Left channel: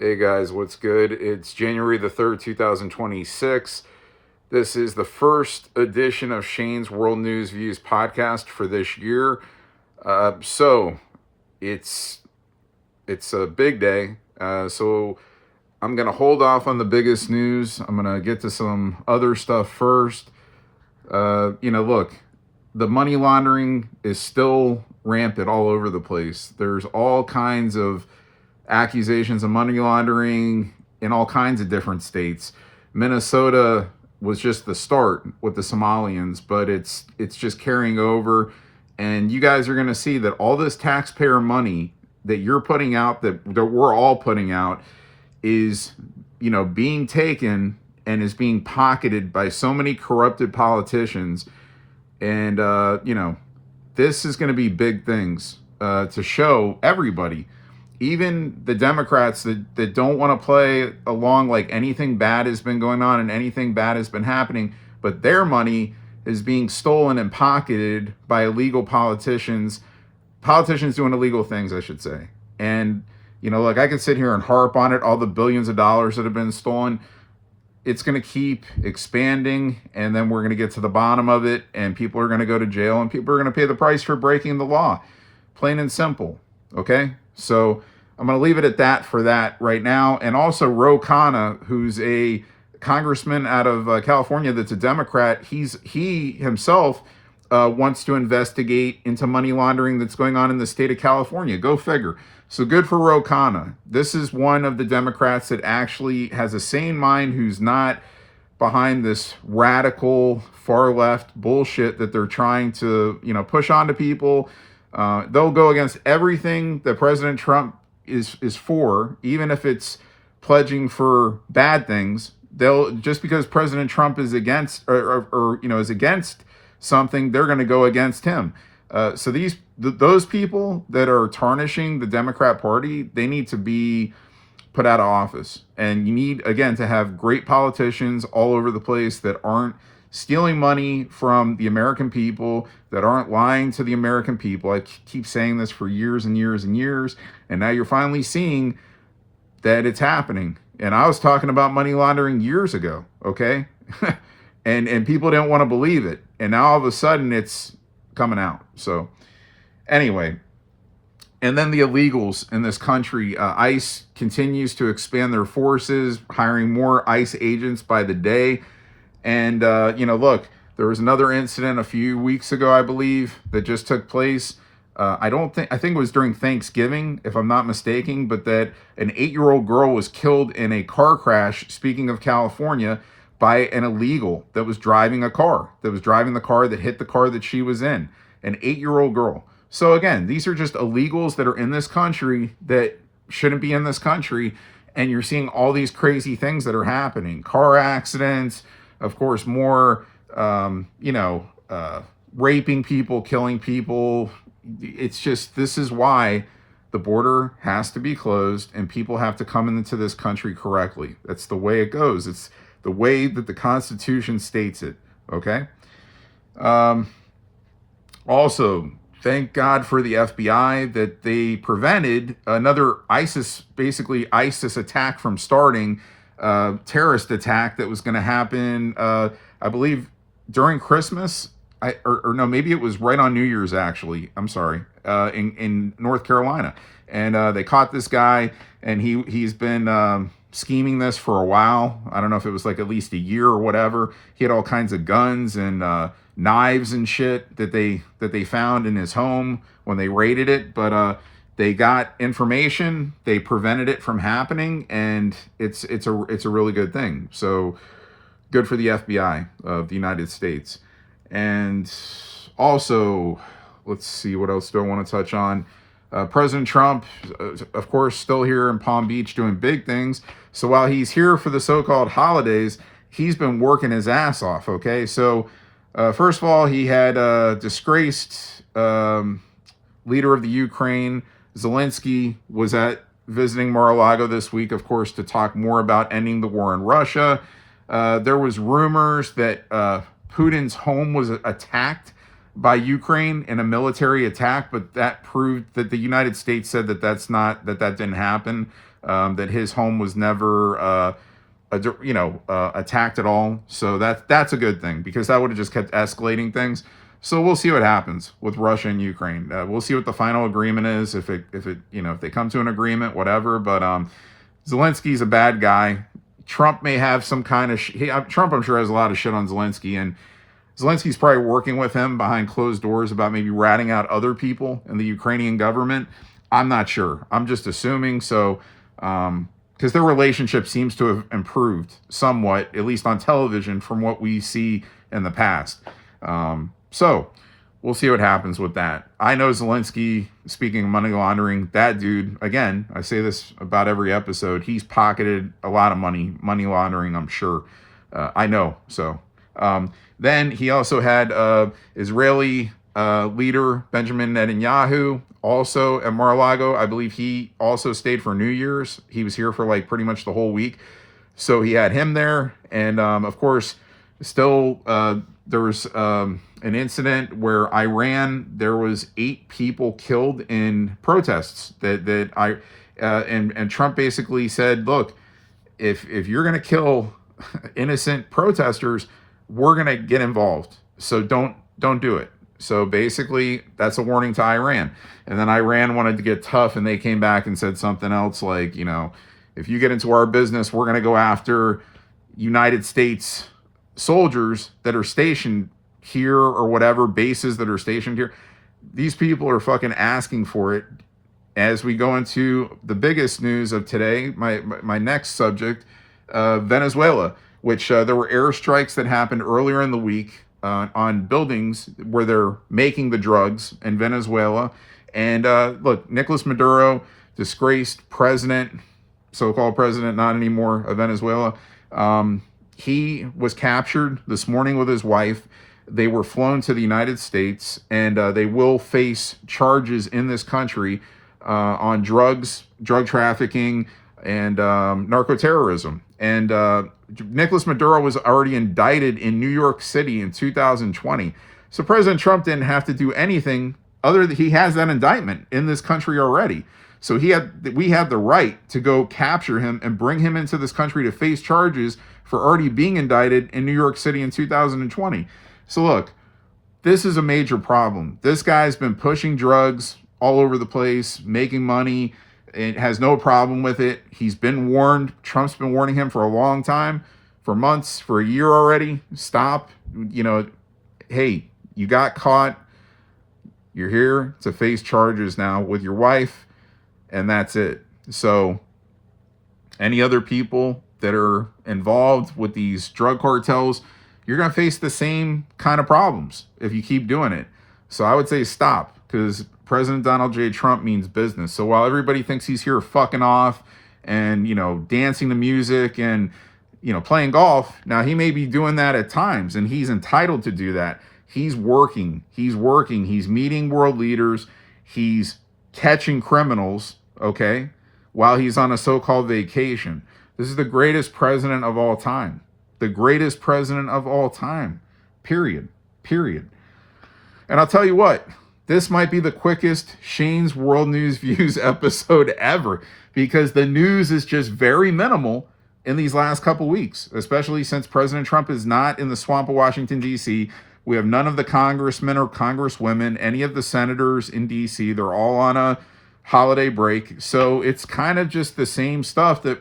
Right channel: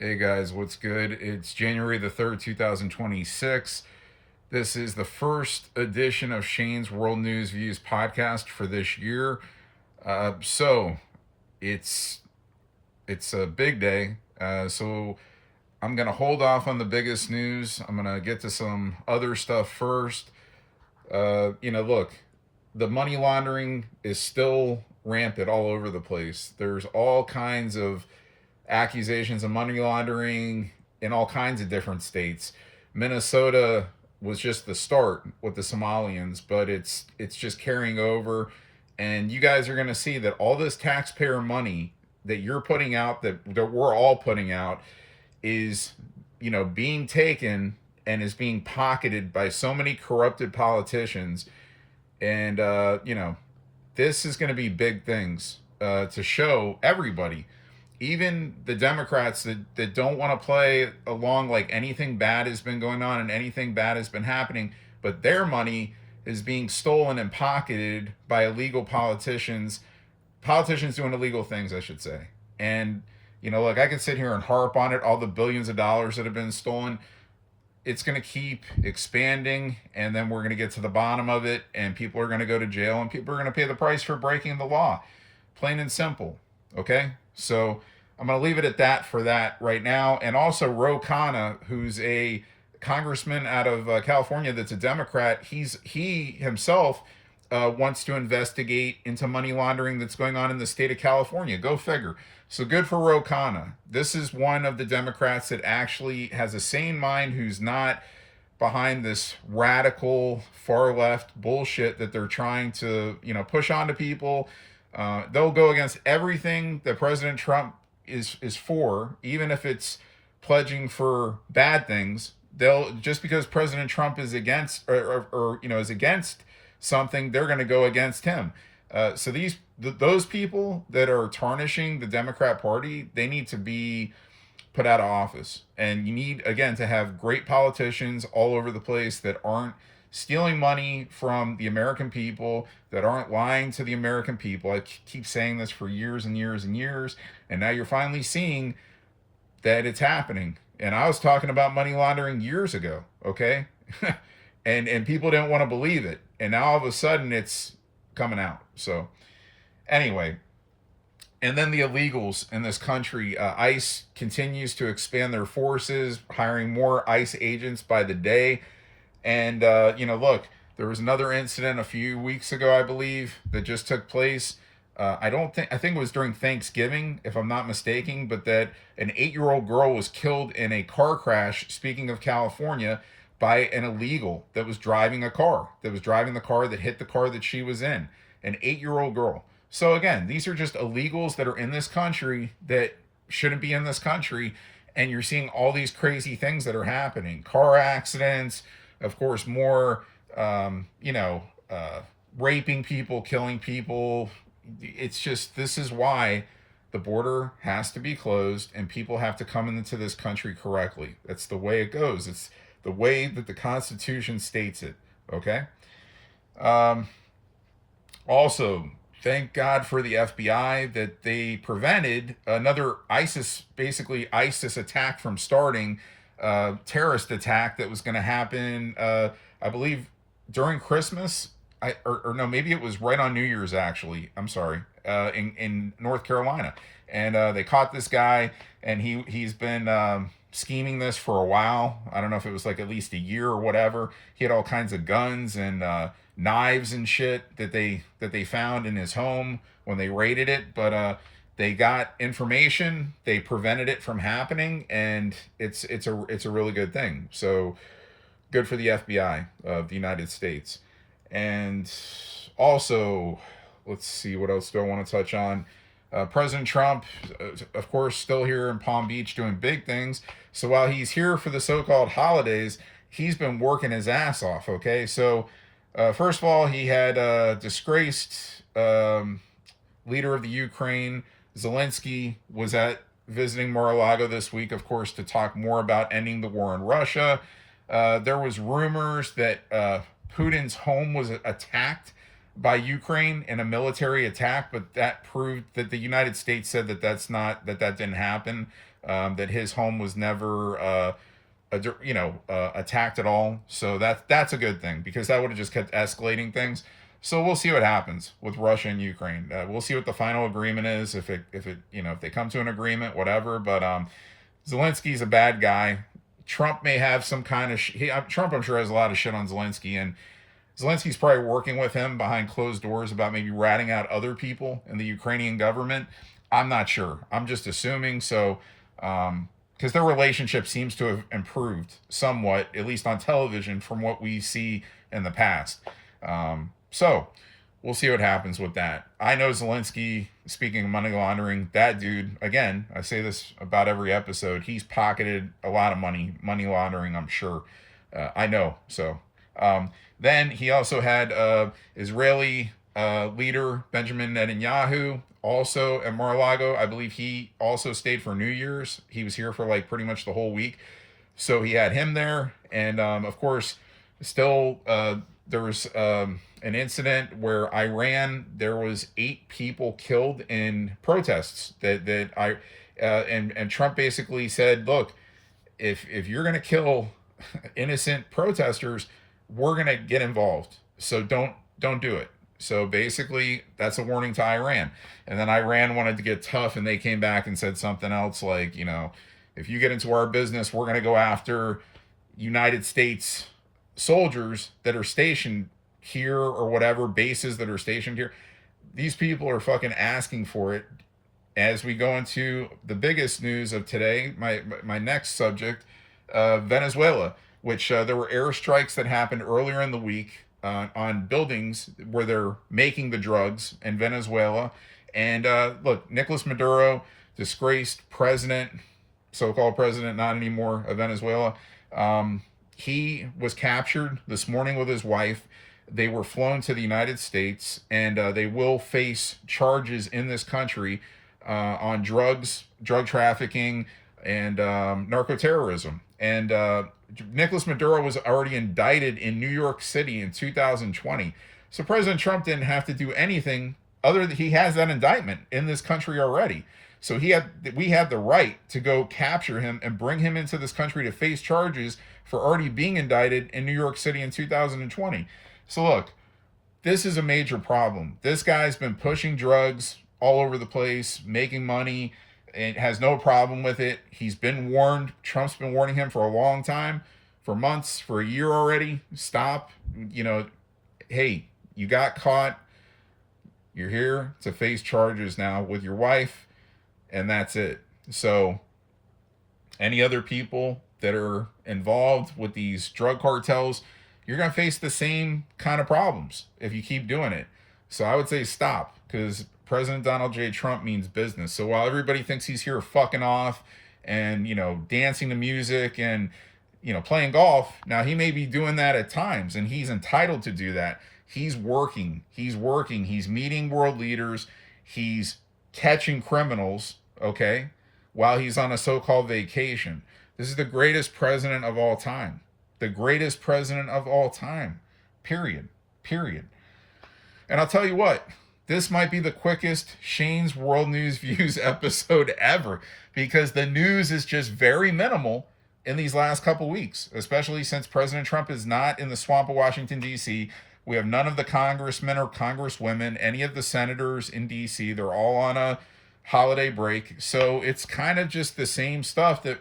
Hey guys, what's good? It's January the 3rd, 2026. This is the first edition of Shane's World News Views podcast for this year. So it's a big day. So I'm gonna hold off on the biggest news. I'm gonna get to some other stuff first. Look, the money laundering is still rampant all over the place. There's all kinds of accusations of money laundering in all kinds of different states. Minnesota was just the start with the Somalians, but it's just carrying over, and you guys are going to see that all this taxpayer money that you're putting out, that we're all putting out, is being taken and is being pocketed by so many corrupted politicians. And this is going to be big things to show everybody, even the Democrats that don't want to play along like anything bad has been going on and anything bad has been happening, but their money is being stolen and pocketed by illegal politicians doing illegal things, I should say. And like, I could sit here and harp on it, all the billions of dollars that have been stolen. It's going to keep expanding, and then we're going to get to the bottom of it, and people are going to go to jail, and people are going to pay the price for breaking the law. Plain and simple. Okay? So I'm going to leave it at that for that right now. And also, Ro Khanna, who's a congressman out of California that's a Democrat, he himself wants to investigate into money laundering that's going on in the state of California. Go figure. So good for Ro Khanna. This is one of the Democrats that actually has a sane mind, who's not behind this radical far left bullshit that they're trying to, push onto people. They'll go against everything that President Trump is for, even if it's pledging for bad things. They'll, just because President Trump is against or is against something, they're going to go against him. So those people that are tarnishing the Democrat Party, they need to be put out of office. And you need, again, to have great politicians all over the place that aren't stealing money from the American people, that aren't lying to the American people. I keep saying this for years and years and years, and now you're finally seeing that it's happening. And I was talking about money laundering years ago, okay? and people didn't want to believe it. And now all of a sudden it's coming out. So anyway, and then the illegals in this country, ICE continues to expand their forces, hiring more ICE agents by the day. And, look, there was another incident a few weeks ago, I believe, that just took place. I think it was during Thanksgiving, if I'm not mistaken, but that an 8-year-old girl was killed in a car crash, speaking of California, by an illegal that was driving the car that hit the car that she was in, an 8-year-old girl. So again, these are just illegals that are in this country that shouldn't be in this country. And you're seeing all these crazy things that are happening. Car accidents, of course, more, raping people, killing people. It's just, this is why the border has to be closed and people have to come into this country correctly. That's the way it goes. It's the way that the Constitution states it, okay? Also, thank God for the FBI that they prevented another ISIS attack from starting, terrorist attack that was going to happen, I believe, during Christmas. Or no, maybe it was right on New Year's, actually. I'm sorry, in North Carolina. And they caught this guy, and he's been scheming this for a while. I don't know if it was like at least a year or whatever. He had all kinds of guns and knives and shit that they found in his home when they raided it. But they got information, they prevented it from happening, and it's a really good thing. So good for the FBI of the United States. And also, let's see, what else do I want to touch on? President Trump, of course, still here in Palm Beach doing big things. So while he's here for the so-called holidays, he's been working his ass off, okay? So first of all, he had disgraced leader of the Ukraine, Zelensky, was visiting Mar-a-Lago this week, of course, to talk more about ending the war in Russia. There was rumors that Putin's home was attacked by Ukraine in a military attack, but that proved that the United States said that that didn't happen. that his home was never attacked at all. So that's a good thing, because that would have just kept escalating things. So we'll see what happens with Russia and Ukraine. We'll see what the final agreement is, if they come to an agreement, whatever. But Zelensky's a bad guy. Trump may have some kind of Trump, I'm sure, has a lot of shit on Zelensky, and Zelensky's probably working with him behind closed doors about maybe ratting out other people in the Ukrainian government. I'm not sure. I'm just assuming. So, because their relationship seems to have improved somewhat, at least on television, from what we see in the past. So we'll see what happens with that. I know Zelensky, speaking of money laundering, that dude, again, I say this about every episode, he's pocketed a lot of money laundering, I'm sure. I know. So then he also had Israeli leader Benjamin Netanyahu also at Mar-a-Lago. I believe he also stayed for New Year's. He was here for like pretty much the whole week. So he had him there. And of course, still there was an incident where there was 8 people killed in protests and Trump basically said, look, if you're going to kill innocent protesters, we're going to get involved. So don't do it. So basically that's a warning to Iran. And then Iran wanted to get tough, and they came back and said something else like, if you get into our business, we're going to go after United States soldiers that are stationed here, or whatever bases that are stationed here. These people are fucking asking for it. As we go into the biggest news of today, my next subject, Venezuela, which there were airstrikes that happened earlier in the week on buildings where they're making the drugs in Venezuela. And look, Nicolas Maduro, disgraced president, so-called president, not anymore, of Venezuela. He was captured this morning with his wife. They were flown to the United States, and they will face charges in this country on drugs, drug trafficking, and narcoterrorism. And Nicolas Maduro was already indicted in New York City in 2020. So President Trump didn't have to do anything other than he has that indictment in this country already. So we had the right to go capture him and bring him into this country to face charges for already being indicted in New York City in 2020. So look, this is a major problem. This guy's been pushing drugs all over the place, making money. It has no problem with it. He's been warned. Trump's been warning him for a long time, for months, for a year already. Stop. Hey, you got caught. You're here to face charges now with your wife, and that's it. So any other people that are involved with these drug cartels, you're going to face the same kind of problems if you keep doing it. So I would say stop, because President Donald J. Trump means business. So while everybody thinks he's here fucking off and, dancing to music and, playing golf, now he may be doing that at times, and he's entitled to do that. He's working. He's meeting world leaders. He's catching criminals, okay, while he's on a so-called vacation. This is the greatest president of all time. The greatest president of all time. Period. And I'll tell you what, this might be the quickest Shane's World News Views episode ever, because the news is just very minimal in these last couple weeks, especially since President Trump is not in the swamp of Washington, D.C. We have none of the congressmen or congresswomen, any of the senators in D.C. They're all on a holiday break. So it's kind of just the same stuff that,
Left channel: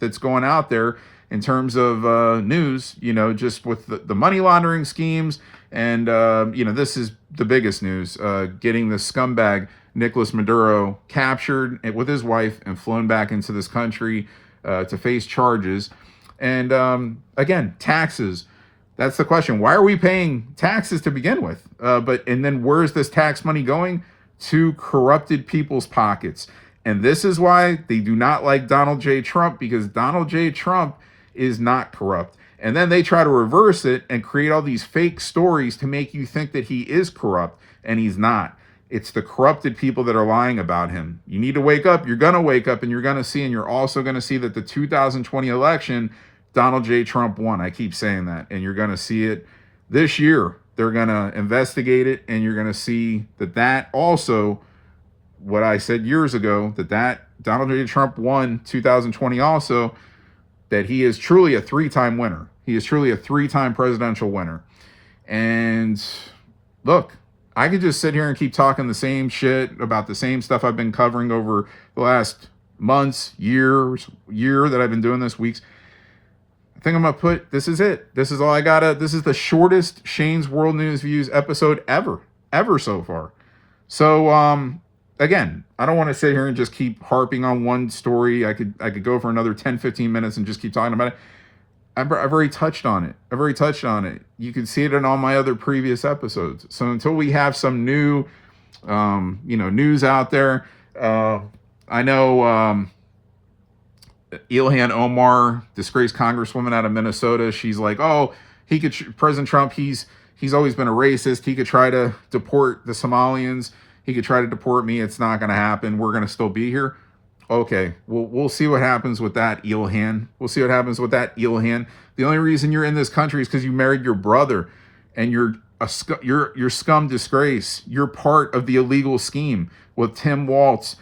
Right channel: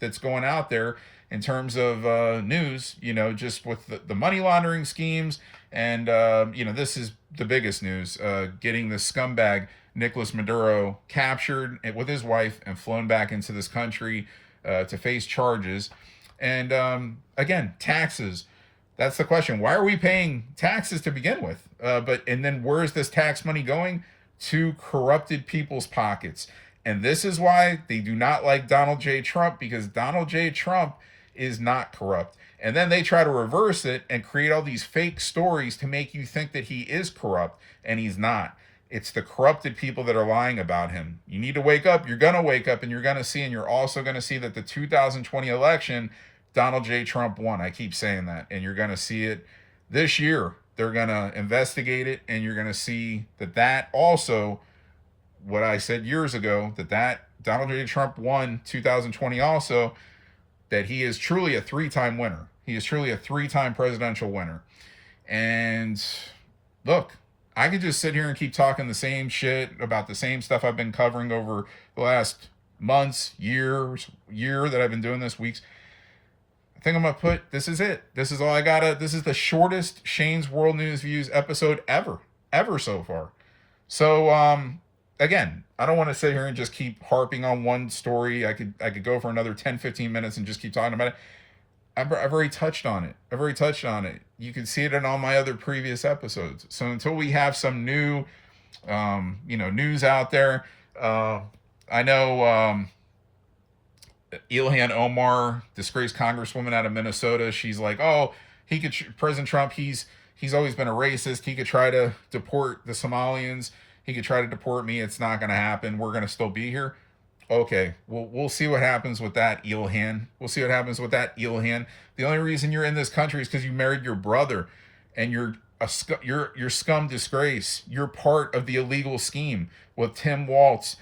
that's going out there in terms of news, just with the money laundering schemes. And, this is the biggest news, getting the scumbag Nicolas Maduro captured with his wife and flown back into this country to face charges. And again, taxes. That's the question. Why are we paying taxes to begin with? And then where's this tax money going? To corrupted people's pockets. And this is why they do not like Donald J. Trump, because Donald J. Trump is not corrupt. And then they try to reverse it and create all these fake stories to make you think that he is corrupt, and he's not. It's the corrupted people that are lying about him. You need to wake up. You're going to wake up, and you're going to see, and you're also going to see that the 2020 election, Donald J. Trump won. I keep saying that. And you're going to see it this year. They're going to investigate it, and you're going to see that also, what I said years ago, that Donald J. Trump won 2020 also, that he is truly a three-time winner. He is truly a three-time presidential winner. And look, I could just sit here and keep talking the same shit about the same stuff I've been covering over the last months, year that I've been doing this, weeks. I think I'm going to put, this is it. This is all I got. This is the shortest Shane's World News Views episode ever so far. So, again, I don't want to sit here and just keep harping on one story. I could go for another 10, 15 minutes and just keep talking about it. I've already touched on it. You can see it in all my other previous episodes. So until we have some new, news out there, I know Ilhan Omar, disgraced congresswoman out of Minnesota, she's like, oh, President Trump, he's always been a racist. He could try to deport the Somalians. He could try to deport me. It's not going to happen. We're going to still be here. Okay, we'll see what happens with that, Ilhan. The only reason you're in this country is because you married your brother, and you're scum disgrace. You're part of the illegal scheme with Tim Walz,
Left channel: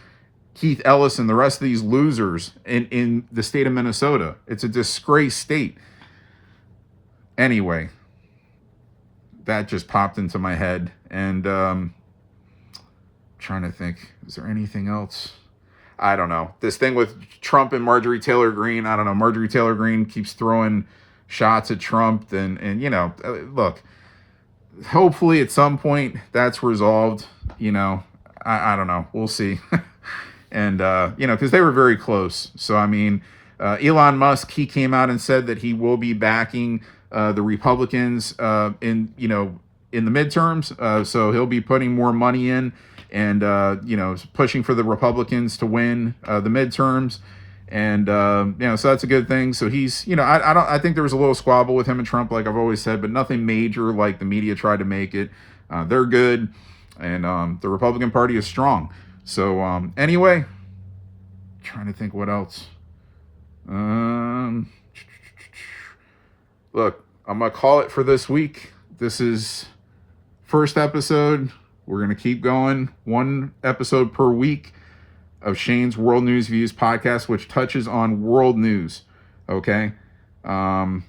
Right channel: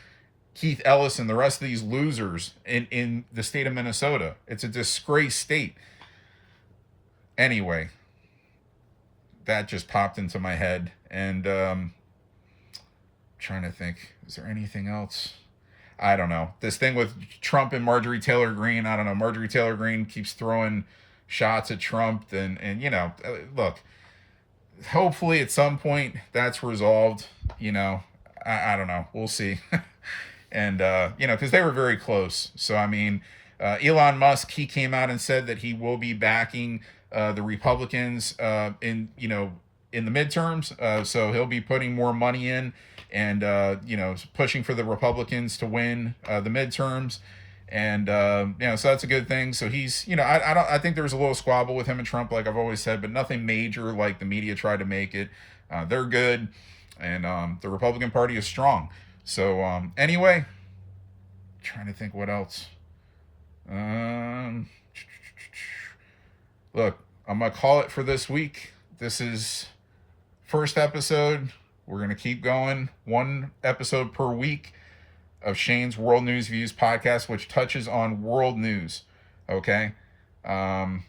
Keith Ellison, the rest of these losers in the state of Minnesota. It's a disgrace state. Anyway, that just popped into my head, and trying to think, is there anything else? I don't know. This thing with Trump and Marjorie Taylor Greene, I don't know. Marjorie Taylor Greene keeps throwing shots at Trump, and look, hopefully at some point that's resolved. I don't know. We'll see. And, because they were very close. So, I mean, Elon Musk, he came out and said that he will be backing the Republicans in the midterms. So he'll be putting more money in and, pushing for the Republicans to win the midterms. And, so that's a good thing. So he's, I think there was a little squabble with him and Trump, like I've always said, but nothing major like the media tried to make it. They're good. And the Republican Party is strong. So, anyway, trying to think what else. Look, I'm going to call it for this week. This is first episode. We're going to keep going. One episode per week of Shane's World News Views podcast, which touches on world news. Okay? And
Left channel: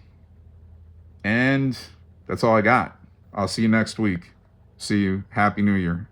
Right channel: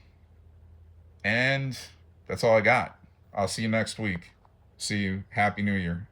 that's all I got. I'll see you next week. See you. Happy New Year.